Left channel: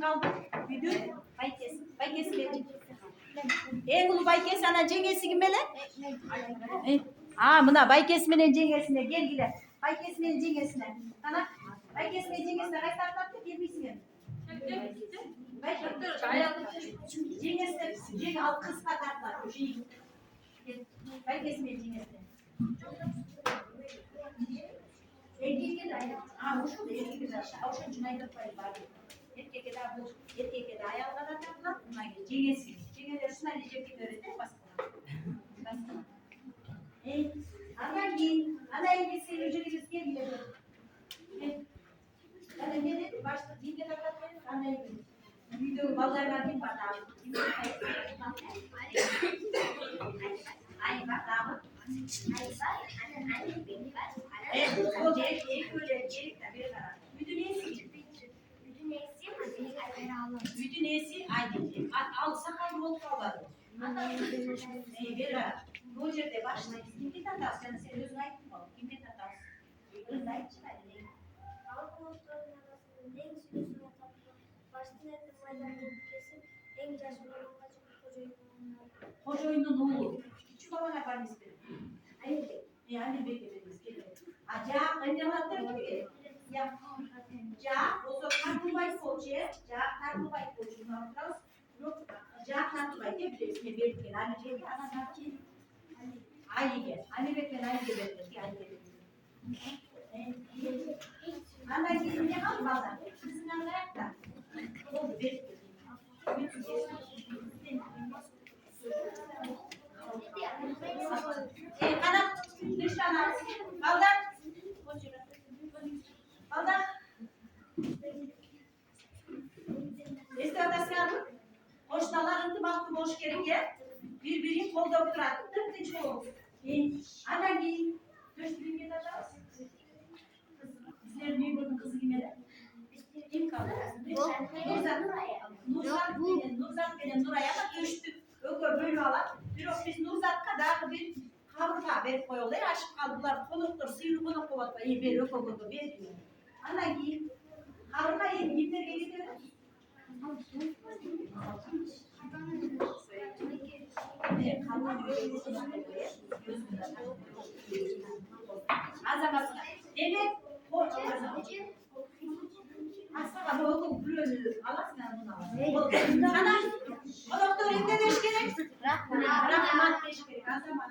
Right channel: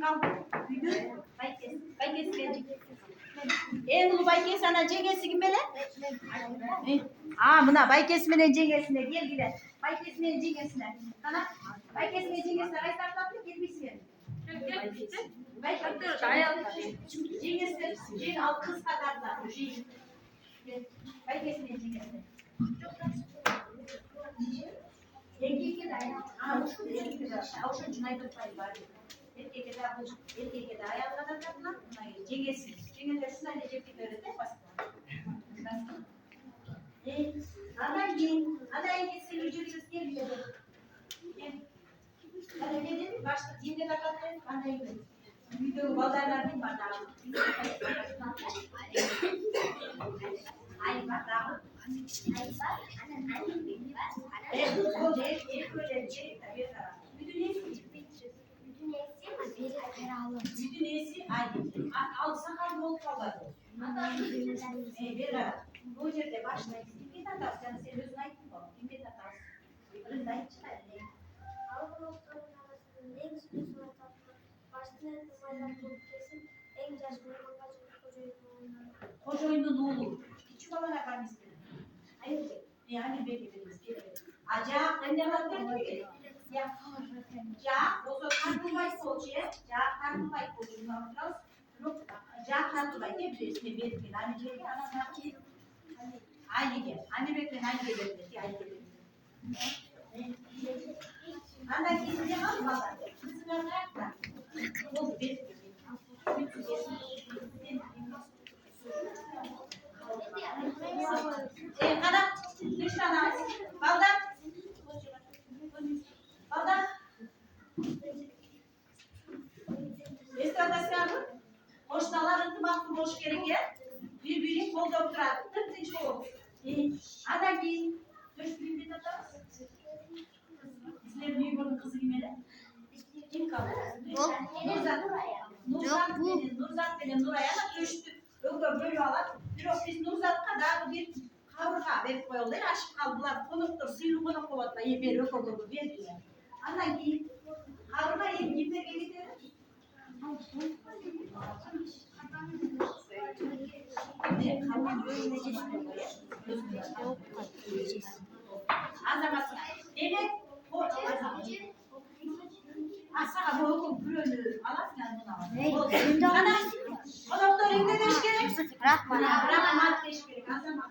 kim kaldı? Müdür. Baykes gelecek. Ulu Baykes ana cengesi kimele? Buna Baykes'in cengesine gel gide. Baykes'in cengesine. Ana Baykes'in cengesine kaç tarafta gelmişsin? Cengesine ceng al kız kadarlar. Baykes'in cengesine. Erkek'e de şu da erkek'e de aşağı Cüneyt Bey var. Erkek'e de ayağı kadar takılan buna gelir. Cengesi. Cengeler şuna necep bir öğrete basma. Ana İngilizce ücreti gel. Ana gelin başta cinde takatlayın. Ana İngilizce. Video bazılardan bir var daha. Ay bak daha. Bütün iyisi aydın. Alsa kaybol kalmadı. Roger'de başlayın. Kim tatar? Sen özüne ait mi? Kim tatar? Özüne ait çıkar. Koca oyunun oğlu. Küçük olan yapar mı istedim? Yani beklediğimiz gibi. Acaba anneler gibi. Ya, o zaman karnıbayı koçuya, karnıbayı koçuna biraz yok. Karnıbayı diyebiliriz. Ne belki hani şey ama ki aynı gel. Anne beklen aynı gelir. Aynı gelir. Ana gidince almadan. Kızın ayakta. O bir. Kadar lütfen baldan. Baldan. Esnaflar hoşnalar ıntımaklı boş gereken birbirini kol doktorat. Tırtınç kol. Ana giy. Dört bir atar. Bizler büyük onun kızı gimeli. Kim kaldı? Nurzat benim Nuray'a da düştü. Yok böyle alan. Bir ofis Nurzat kadar bir kavruka verip koyuyorlar. Aşık kaldılar. Konuktur. Suyunu konuk kovatla. İyi bir yok oldu. Bir diyor. Ana giy. Kavruka iyi. Gimler geliyor. Azamat. Evet. Asla bu okul bürünü alasın bunu. Ana. O doktor ne deş gerek? Bırakma. Bırakma deş gerek. Azamat.